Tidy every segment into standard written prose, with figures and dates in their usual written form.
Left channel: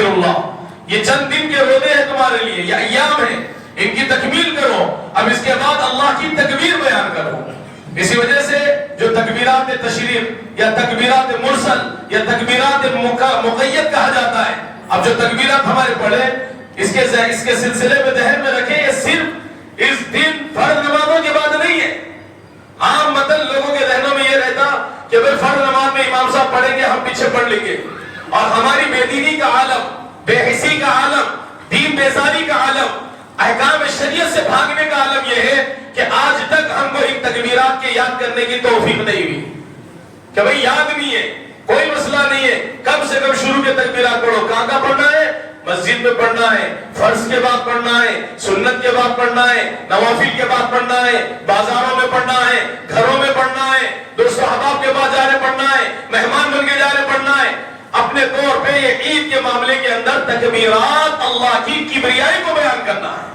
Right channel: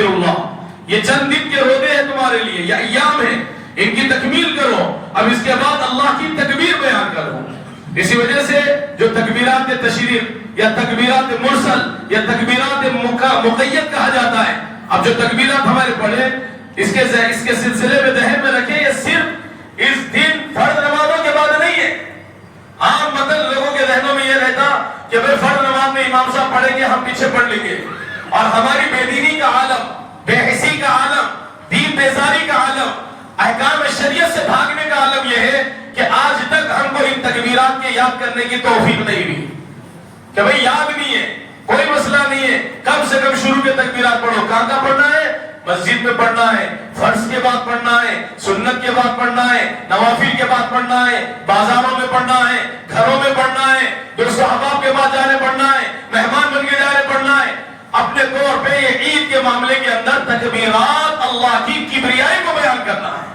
استغفر اللہ، یہ چند دن کے روزے ہیں تمہارے لیے، یہ ایام ہیں، ان کی تکمیل کرو، اب اس کے بعد اللہ کی تکبیر بیان کرو۔ اسی وجہ سے جو تکبیرات تشریف یا تکبیرات مرسل یا تکبیرات مقید کہا جاتا ہے، اب جو تکبیرات ہمارے پڑھے اس کے سلسلے میں ذہن میں رکھیں، یہ صرف اس دن فرض نمازوں کے بعد نہیں ہے۔ عام مطلب لوگوں کے ذہنوں میں یہ رہتا کہ بھئی فرض نماز میں امام صاحب پڑھیں گے ہم پیچھے پڑھ لیں گے، اور ہماری بے دینی کا عالم، بے حسی کا عالم، دین بیزاری کا عالم، احکام شریعت سے بھاگنے کا عالم یہ ہے کہ آج تک ہم کو ان تکبیرات کے یاد کرنے کی توفیق نہیں ہوئی کہ بھئی یاد نہیں ہے، کوئی مسئلہ نہیں ہے، کم سے کم شروع کے تکبیرات پڑھو۔ کہاں پڑھنا ہے؟ مسجد میں پڑھنا ہے، فرض کے بعد پڑھنا ہے، سنت کے بعد پڑھنا ہے، نوافل کے بعد پڑھنا ہے، بازاروں میں پڑھنا ہے، گھروں میں پڑھنا ہے، دوست احباب کے بعد جانے پڑھنا ہے، مہمان بن کے جانے پڑھنا ہے۔ اپنے طور پہ یہ عید کے معاملے کے اندر تکبیرات اللہ کی کبریائی کو بیان کرنا ہے۔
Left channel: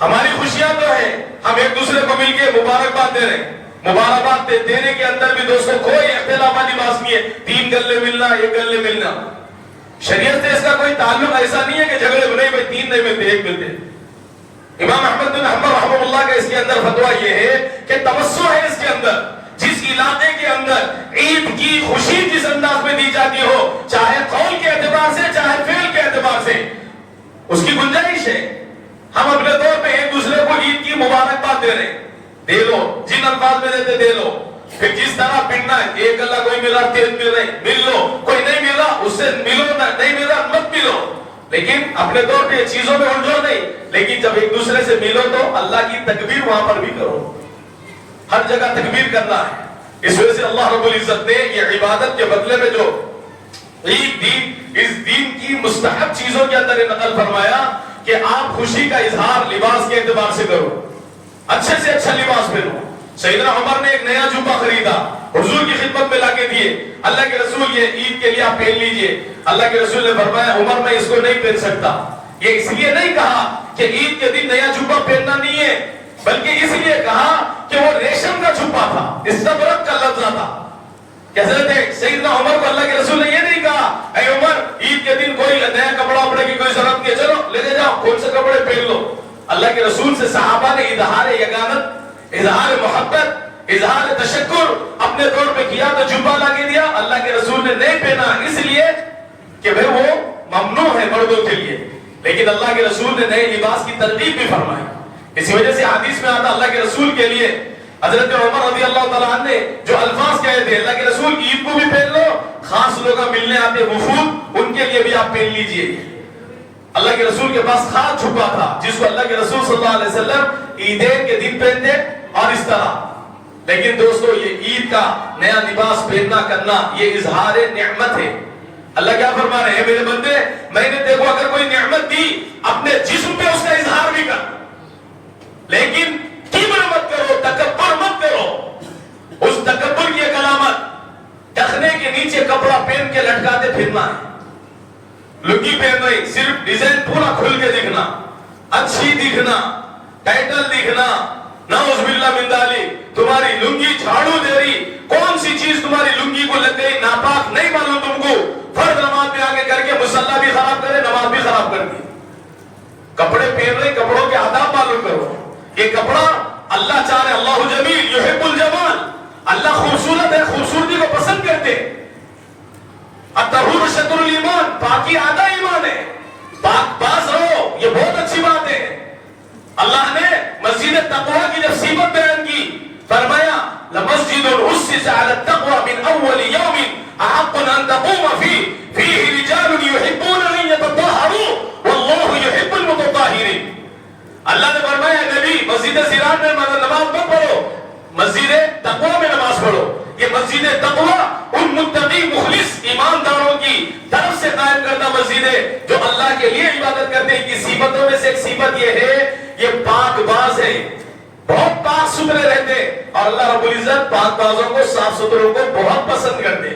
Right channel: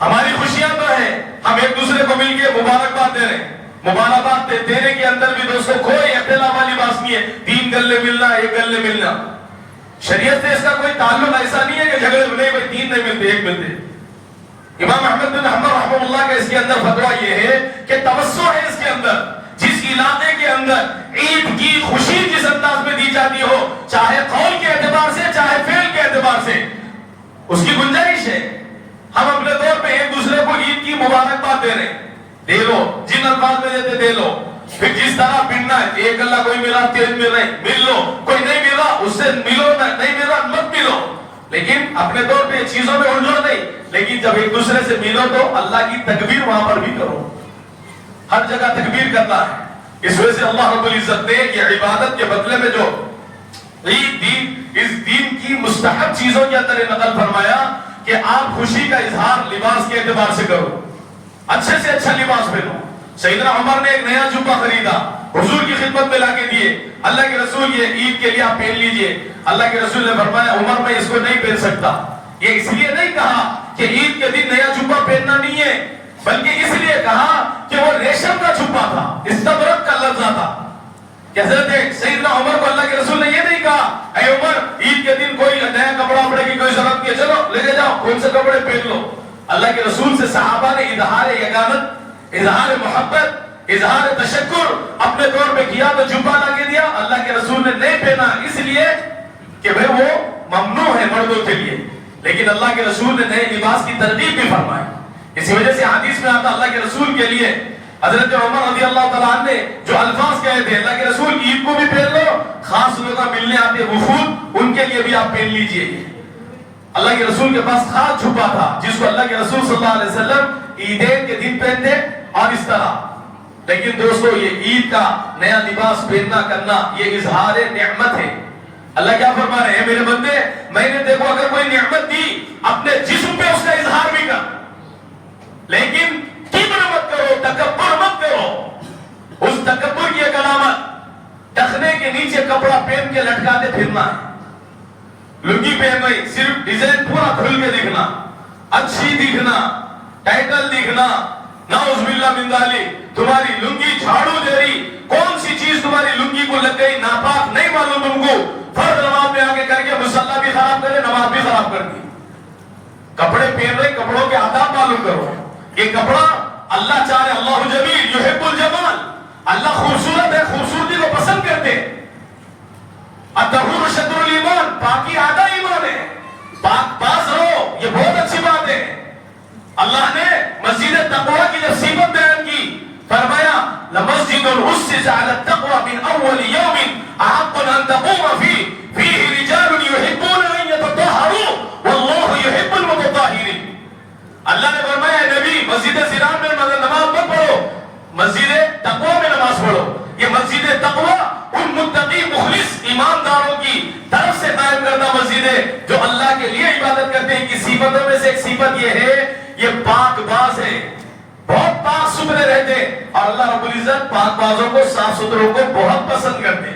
ہماری خوشیاں تو ہے، ہم ایک دوسرے کو مل کے مبارکباد دے رہے ہیں، مبارکباد دینے کے اندر بھی دوستوں کوئی اختلاف والی بات نہیں ہے، 3 گلے ملنا، 1 گلے ملنا، شریعت سے اس کا کوئی تعلق ایسا نہیں ہے کہ جھگڑے نہیں بھائی 3 نہیں ملتے 1 ملتے۔ امام احمد بن حنبل رحمہ اللہ کا اس کے اندر فتویٰ یہ ہے کہ توسع ہے اس کے اندر، جس علاقے کے اندر عید کی خوشی جس انداز میں دی جاتی ہو، چاہے قول کے اعتبار سے چاہے فعل کے اعتبار سے، اس کی گنجائش ہے۔ ہم اپنے طور پہ ایک دوسرے کو عید کی مبارکباد دے رہے ہیں، دے لو، جن الفاظ میں دیتے دے لو، پھر جس طرح پڑھنا ہے، ایک اللہ کوئی مل رہا 3 مل رہے مل لو، کوئی نہیں مل رہا اس سے ملو، نہیں مل رہا مت ملو، لیکن اپنے طور پہ چیزوں میں الجھو نہیں، لیکن جب ایک دوسرے سے ملو تو اللہ کی تکبیر وہاں پر بھی کرو، ہر جگہ تکبیر کرنا ہے۔ اس وجہ سے اللہ رب العزت نے یہ عبادت کے بدلے میں جو عید اس دین کی مستحب چیزوں کے اندر نقل فرمایا کہ آپ خوشی کا اظہار لباس کے اعتبار سے کرو، اچھے سے اچھا لباس پہنو۔ سیدنا عمر نے ایک نیا جوبہ خریدا، حضور کی خدمت میں لا کے دیے، اللہ کے رسول یہ عید کے لیے آپ پہن لیجئے۔ اللہ کے رسول نے فرمایا عمر میں اس کو نہیں پہن سکتا، یہ اس لیے نہیں کہا کہ عید کے دن نیا جوبہ پہننا نہیں ہے، بلکہ اس لیے کہا کہ وہ ریشم کا جوبہ تھا، استبرق کا لفظ تھا۔ حضرت سیدنا عمر کو اللہ کے رسول نے یہ نہیں کہا اے عمر عید کے دن کوئی نیا کپڑا اپنے کی کوئی ضرورت نہیں ہے، چلو لے کے جاؤ کون سے کپڑے پہن لو۔ اللہ کے رسول سے صحابہ نے اظہار یگانت، اظہار محبت، اظہار تشکر اپنے طور پہ کیا تو جوبہ لا کے دیا۔ اللہ کے رسول نے نہیں پہنا اس لیے کہ بھئی وہ ممنوع ہے مردوں کے لیے، لیکن اللہ کے رسول نے نئے لباس کی ترغیب بھی فرمائی۔ اسی وجہ سے حدیث میں آتا اللہ کے رسول کے لیے حضرت عمر رضی اللہ تعالیٰ عنہ نے جو الفاظ کہے تھے، اللہ کے رسول عید کو بھی پہن لو، خاص لوگ ملنے آتے وفود ان کے لیے بھی آپ پہن لیجئے۔ اللہ کے رسول کے پاس خاص چھپا تھا جس کو اللہ کے رسول صلی اللہ علیہ وسلم عیدین کے دن پہنتے اور اس طرح۔ لیکن دوستو یہ عید کا نیا لباس پہننا کرنا یہ اظہار نعمت ہے۔ اللہ کیا فرما رہے ہیں میرے بندے، میں نے دیکھو اگر کوئی نعمت دی اپنے جسم پہ اس کا اظہار بھی کر، لیکن کبر مت کرو، تکبر مت کرو۔ اس تکبر کی ایک علامت ٹخنے کے نیچے کپڑا پہن کے لٹکاتے پھرنا ہے، لنگی پہن رہی صرف ڈیزائن پورا کھل کے دکھنا، اچھی دکھنا، ٹائٹل دکھنا، نعوذ باللہ من ذالک، تمہاری لنگی جھاڑو دے رہی، کون سی چیز تمہاری لنگی کو لگ گئی ناپاک نہیں معلوم تم کو، فرض نماز میں آگے کر کے مصلی بھی خراب کرے نماز بھی خراب کر دی۔ کپڑے پہن رہے کپڑوں کے آداب معلوم کرو، یہ کپڑا اللہ چاہے اللہ جمیل یحب الجمال، اللہ خوبصورت ہے، خوبصورتی کو پسند کرتے۔ الطہور شطر الایمان، پاکی آدھا ایمان ہے، پاک باز رہو، یہ بہت اچھی بات ہے۔ اللہ نے مسجد تقوی کی جب صفت بیان کی فرمایا لمسجد اسس علی التقوی من اول یوم احق ان تقوم فیہ رجال یحبون ان یتطہروا واللہ یحب المتطہرین۔ اللہ نے فرمایا نبی مسجد سیران میں نماز مت پڑھو، مسجد تقوی میں نماز پڑھو۔ یہ مسجد تقوی ان متقی مخلص ایمانداروں کی طرف سے قائم کردہ مسجد ہے جو اللہ کے لیے عبادت کرتے ہیں۔ کی صفتوں میں سے ایک صفت یہ ہے یہ پاک باز ہے، بہت پاک ستھرے رہتے، اور اللہ رب العزت پاک بازوں کو صاف ستھروں کو بہت پسند کرتے۔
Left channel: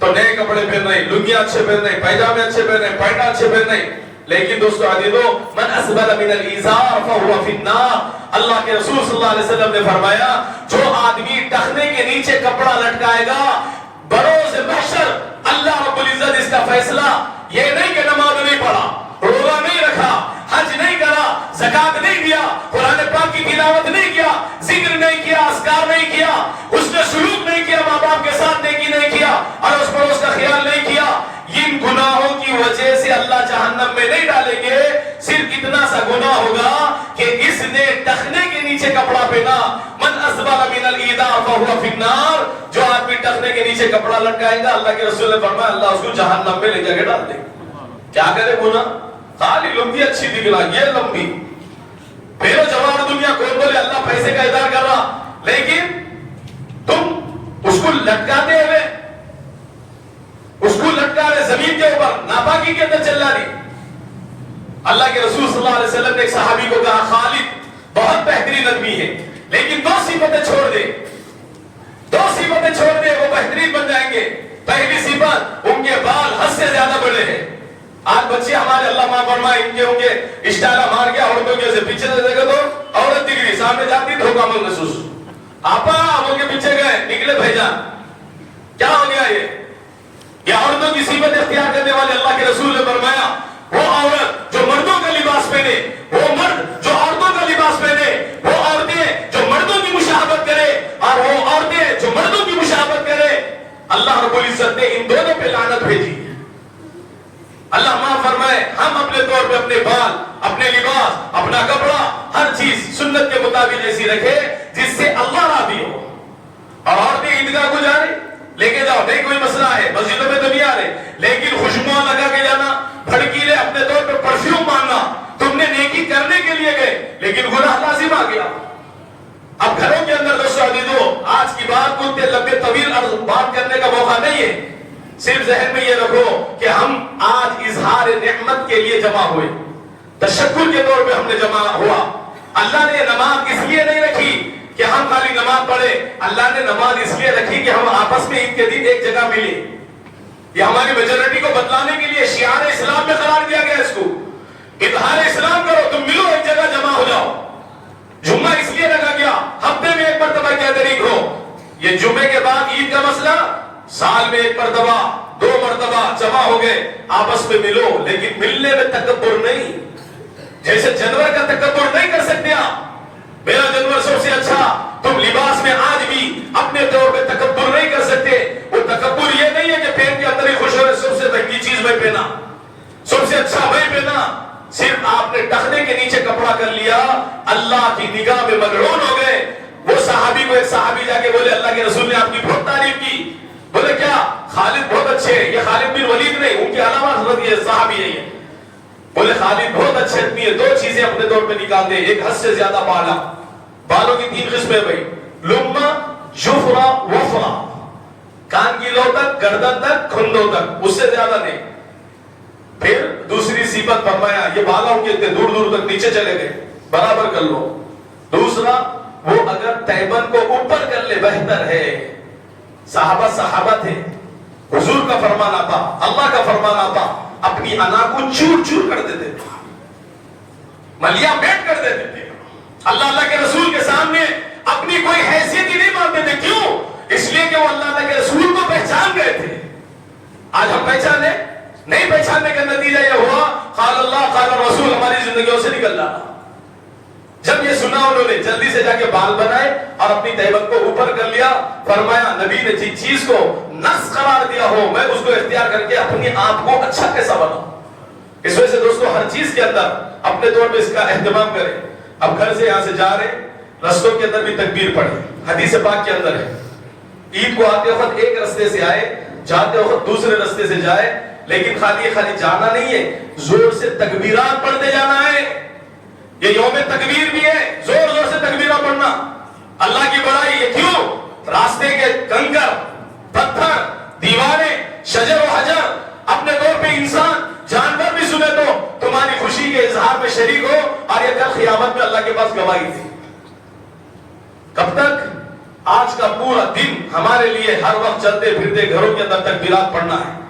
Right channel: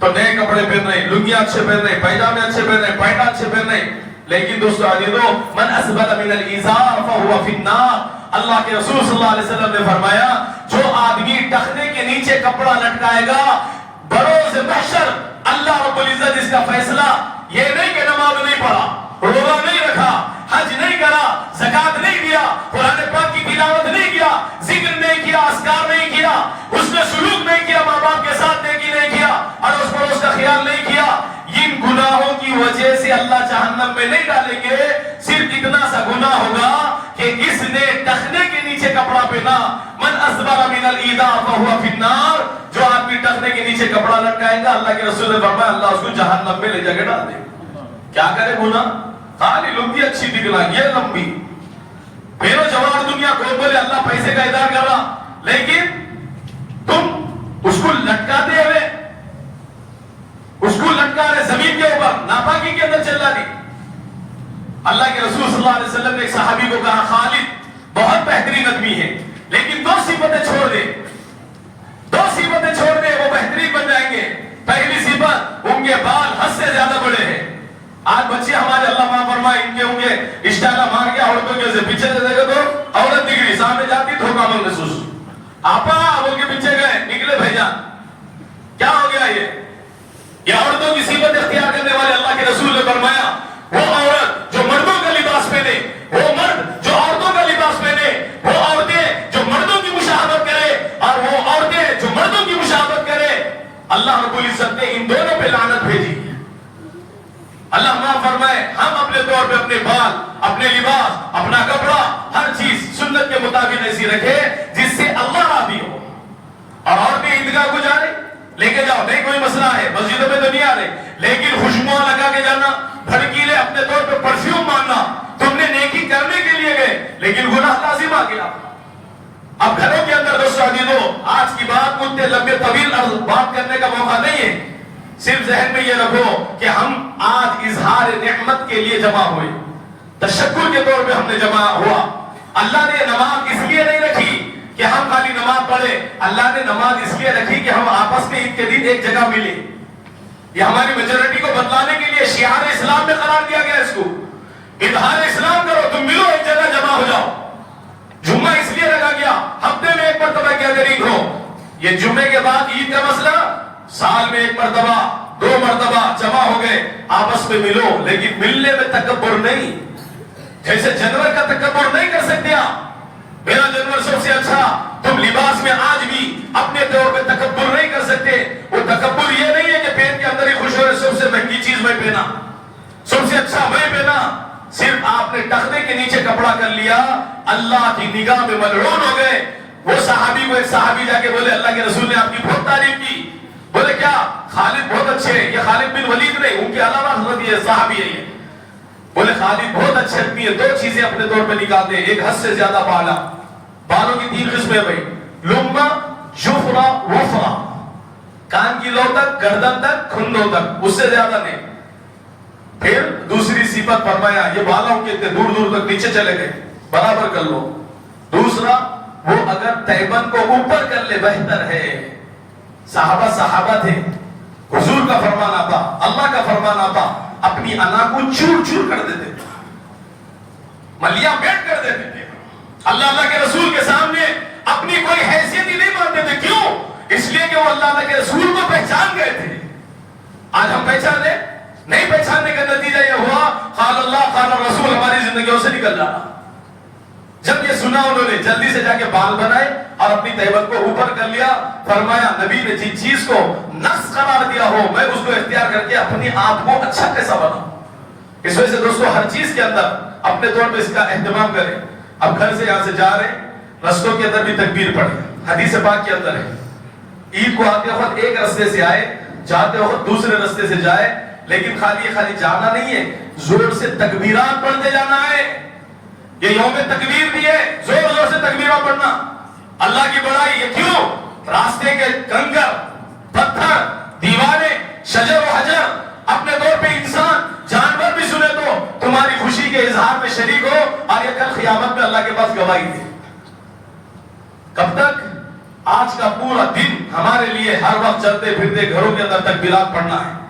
تو نئے کپڑے پہن رہے، لنگیاں اچھے پہن رہے، پائجامے اچھے پہن رہے، پائٹا اچھے پہن رہے، لیکن دوستو عزیزو من اسبل من الازار فهو فی النار، اللہ کے رسول صلی اللہ علیہ وسلم نے فرمایا جو آدمی ٹخنے کے نیچے کپڑا لٹکائے گا بروز محشر اللہ رب العزت اس کا فیصلہ یہ نہیں کہ حج نہیں کرا، زکات نہیں دیا، قرآن پاک کی تلاوت نہیں کیا، ذکر نہیں کیا، اذکار نہیں کیا، حسن سلوک نہیں کیا، ماں باپ کے ساتھ نیکی نہیں کیا، اڑوس پڑوس کا خیال نہیں کیا، ان گناہوں کی وجہ سے اللہ جہنم میں نہیں ڈالیں گے. صرف اتنا سا گناہ ہوگا کہ اس نے ٹخنے کے نیچے کپڑا پہنا. من اسبل من الایذاء فهو فی النار. جو آدمی ٹخنے کے نیچے کپڑا لٹکائے گا، اللہ کے رسول نے فرمایا اللہ اس کو جہنم میں لے جا کے ڈال دے گا. کیا کرے گناہ؟ خالی لنگی اچھی دکھنا، یہ لمبی پھیرو جوار دنیا کو بولے اللہ پیسے کا ادار کر رہا، لیکن تم اس کو لٹکاتے ہوئے، اس کو لٹکا رہے زمین کے اوپر، ناپاکی کے اندر چل رہی. اللہ کے رسول صلی اللہ علیہ وسلم نے ایک صحابی کو کہا خالد بہت بہترین آدمی ہے لیکن دو صفتیں چھوڑ دے، دو صفتیں چھوڑ دے وہ بہترین بن جائیں گے. پہلی صفت ان کے بال حد سے زیادہ بڑے ہیں. آج بچے ہمارے اللہ معاف فرمائے ان کے اشتہارہ مار کے عورتوں کے پیچھے سے دیکھو تو عورت دکھ رہی، سامنے جاتی دھوکہ من محسوس، آپا بول کے پیچھے گئے، نکلے بھیجان. کیا ہو گیا یہ عورتوں کی صفت اختیار کرنے والے اللہ کے رسول نے فرمایا وہ عورت جو مردوں کا لباس پہنے، وہ مرد جو عورتوں کا لباس پہنے، وہ عورتیں جو مردوں کی مشابہت کرے اور وہ عورتیں جو مردوں کی مشابہت کرے، اللہ رب العزت نے ان دونوں پہ لعنت بھیجی. اللہ معاف فرمائے ہم اپنے طور پہ اپنے بال، اپنے لباس، اپنا کپڑا، ہر چیز سنت کے مطابق ایسی رکھے جس سے اللہ راضی ہو. اور عورتیں عیدگاہ کو جا رہی، لے کے جاؤ، نہیں کوئی مسئلہ ہے، مسجدوں میں تو نہیں آ رہے، لیکن خوشبو لگا کے جانا، بھڑکیلے اپنے طور پہ پرفیوم ماننا، تم نے نیکی کرنے کے لیے گئے لیکن گناہ لازم آ گیا. اب گھروں کے اندر دوستو عزیزو، آج کی بات کو اتنے لمبے طویل بات کرنے کا موقع نہیں ہے. صرف ذہن میں یہ رکھو کہ ہم آج اظہار نعمت کے لیے جمع ہوئے، تشکر کے طور پہ ہم نے جمع ہوا. اللہ نے نماز اس لیے نہیں رکھی کہ ہم خالی نماز پڑھے، اللہ نے نماز اس لیے رکھی کہ ہم آپس میں عید کے دن ایک جگہ ملے. یہ ہماری میجورٹی کو بدلانے کے لیے شعار اسلام میں قرار دیا گیا. اس کو اظہار اسلام کرو، تم ملو، ایک جگہ جمع ہو جاؤ. جمعہ اس لیے رکھا گیا ہفتے میں ایک مرتبہ گیدرنگ ہو. یہ جمعے کے بعد عید کا مسئلہ، سال میں ایک مرتبہ، دو مرتبہ جمع ہو گئے، آپس میں ملو، لیکن ملنے میں تکبر نہیں. جیسے جانور کا تکبر نہیں کر سکتے آپ، میرا جانور سب سے اچھا، تم لباس میں آج بھی اپنے طور پہ تکبر نہیں کر سکتے. وہ تکبر یہ نہیں ہے کہ پیٹ کے اندر ہی خوش ہو رہے سب سے مہنگی چیز میں پہنا، سب سے اچھا میں پہنا. صرف آپ نے ٹخنے کے نیچے کپڑا کر لیا، اللہ کی نگاہ میں ملعون ہو گئے. وہ صحابی کو ایک صحابی جا کے بولے اللہ کے رسول نے آپ کی بہت تعریف کی. بولے کیا؟ خالد بہت اچھے ہیں. یہ خالد بن ولید نہیں، ان کے علاوہ حضرت یہ صحابی ہے. یہ بولے خالد بہت اچھے آدمی ہے. دو چیزیں اپنے طور پہ نکال دے، ایک حد سے زیادہ بالا. بالوں کی تین قسمیں بھائی، لما، جفرا، وفرا. کان کی لو تک، گردن تک، کھندوں تک، اس سے زیادہ نہیں. پھر دوسری صفت فرمایا یہ بالوں کے اتنے دور دور تک نیچے چلے گئے، برابر کر لو. دوسرا وہ اگر تیمن کو اوپر کر لے بہتر ہے. صحابہ تھے، حضور کا فرمان آتا، اللہ کا فرمان آتا، اپنی انا کو چور چور کر دیتے، ملیا میٹ کر دیتے تھے. اللہ کے رسول کے سامنے اپنی کوئی حیثیت ہی نہیں مانتے تھے. کیوں؟ اس لیے کہ وہ اللہ کے رسول کو پہچان گئے تھے. آج ہم پہچانے نہیں، پہچاننے کا نتیجہ یہ ہوا قال اللہ قال رسول ہماری زندگیوں سے نکل رہا. جب یہ سنا انہوں نے جلدی سے جا کے بال بنائے اور اپنی تیمن کو اوپر کر لیا. فرمایا نبی نے جس چیز کو نقص قرار دیا ہو میں اس کو اختیار کر کے اپنے آپ کو اچھا کیسا بناؤں. اس وجہ سے دوستو ہر چیز کے اندر اپنے طور پہ اس کا اہتمام کریں. اب گھر سے یہاں سے جا رہے، رستوں کے اندر بھی تکبیر پڑھیں. حدیث پاک کے اندر ہے عید کو آتے وقت ایک رستے سے آئے، جاتے وقت دوسرے رستے سے جائے، لیکن خالی جانا نہیں ہے، زور سے تکبیرات پڑھتے جانا ہے. یہ یوم تکبیر بھی ہے، زور زور سے تکبیرات پڑھنا. اللہ کی بڑائی ہے. کیوں؟ راستے کے کنکر، پتھر، دیواریں، شجر و حجر، اپنے طور پہ انسان، جانور بھی سنے تو تمہاری خوشی کے اظہار میں شریک ہو، اور یہ کل قیامت میں اللہ کے پاس گواہی تھی. کب تک؟ آج کا پورا دن ہمارے لیے ہر وقت چلتے پھرتے گھروں کے اندر تکبیرات پڑھنا ہے.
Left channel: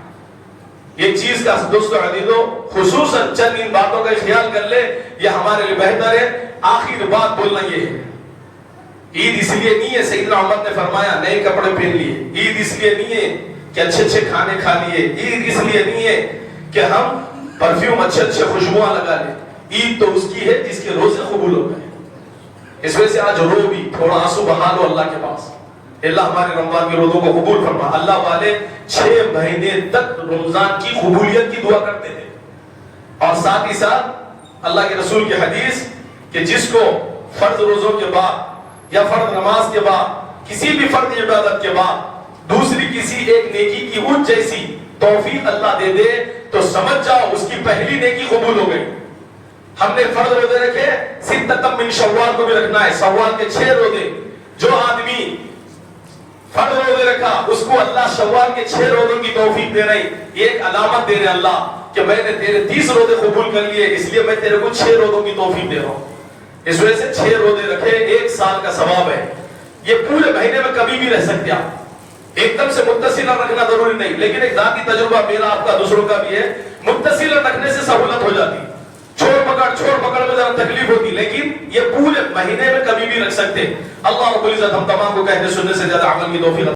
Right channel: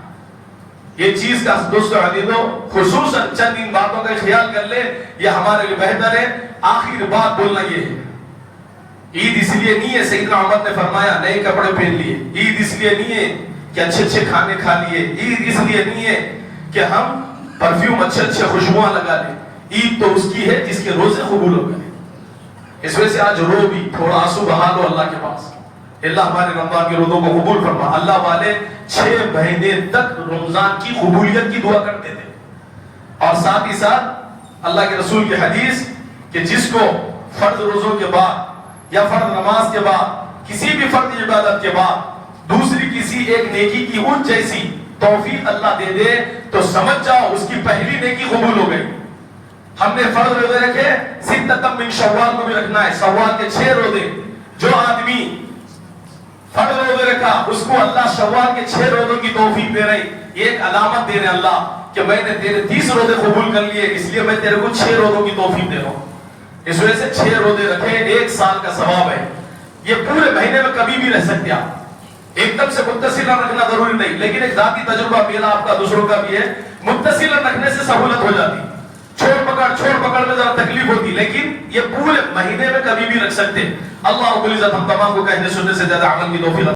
یہ چیز کا دوستو عزیزو خصوصاً چند ان باتوں کا خیال کر لے، یہ ہمارے لیے بہتر ہے. آخر بات بولنا یہ ہے، عید اس لیے نہیں ہے سیدنا عمر نے فرمایا نئے کپڑے پہن لیے. عید اس لیے نہیں ہے کہ اچھے اچھے کھانے کھا لیے. عید اس لیے نہیں ہے کہ ہم پرفیوم اچھے اچھے خوشبوئیں لگا لیں. عید تو اس کی ہے جس کے روزے قبول ہو گئے. اس وجہ سے آج رو بھی تھوڑا آنسو بہا لو اللہ کے پاس. اللہ ہمارے رمضان کے روزوں کو قبول فرما. اللہ والے 6 مہینے تک رمضان کی قبولیت کی دعا کرتے تھے. اور ساتھ ہی ساتھ اللہ کے رسول کی حدیث کہ جس کو فرض روزوں کے بعد یا فرض نماز کے بعد کسی بھی فرض عبادت کے بعد دوسری کسی ایک نیکی کی اونچ جیسی توفیق اللہ دے دے تو سمجھ جاؤ اس کی پہلی نیکی قبول ہو گئی. ہم نے فرض روزے رکھے, ستۃ من شوال کو بھی رکھنا ہے, شوال کے 6 روزے. جو آدمی فرض روزے رکھا اس کو اللہ شوال کے 6 روزوں کی توفیق دے رہی, ایک علامت دے رہے اللہ کہ میں نے تیرے 30 روزے قبول کر لیے, اس لیے میں تیرے کو 6 روزوں کی توفیق دے رہا ہوں. اس وجہ سے 6 روزے رکھے, 1 سال کا ثواب ہے. یہ پورے مہینے میں کبھی بھی رہ سکتے آپ, ایک دم سے متصل رکھنا ضروری نہیں, لیکن ایک ذاتی تجربہ میرا آپ کا دوسروں کا بھی ہے, متصل رکھنے سے سہولت ہو جاتی. چھوڑ پکڑ میں ذرا تکلیف ہوتی, لیکن یہ پورے مہینے میں کبھی بھی رکھ سکتے. اللہ رب العزت ہم تمام کو کہنے سننے سے زیادہ عمل کی توفیق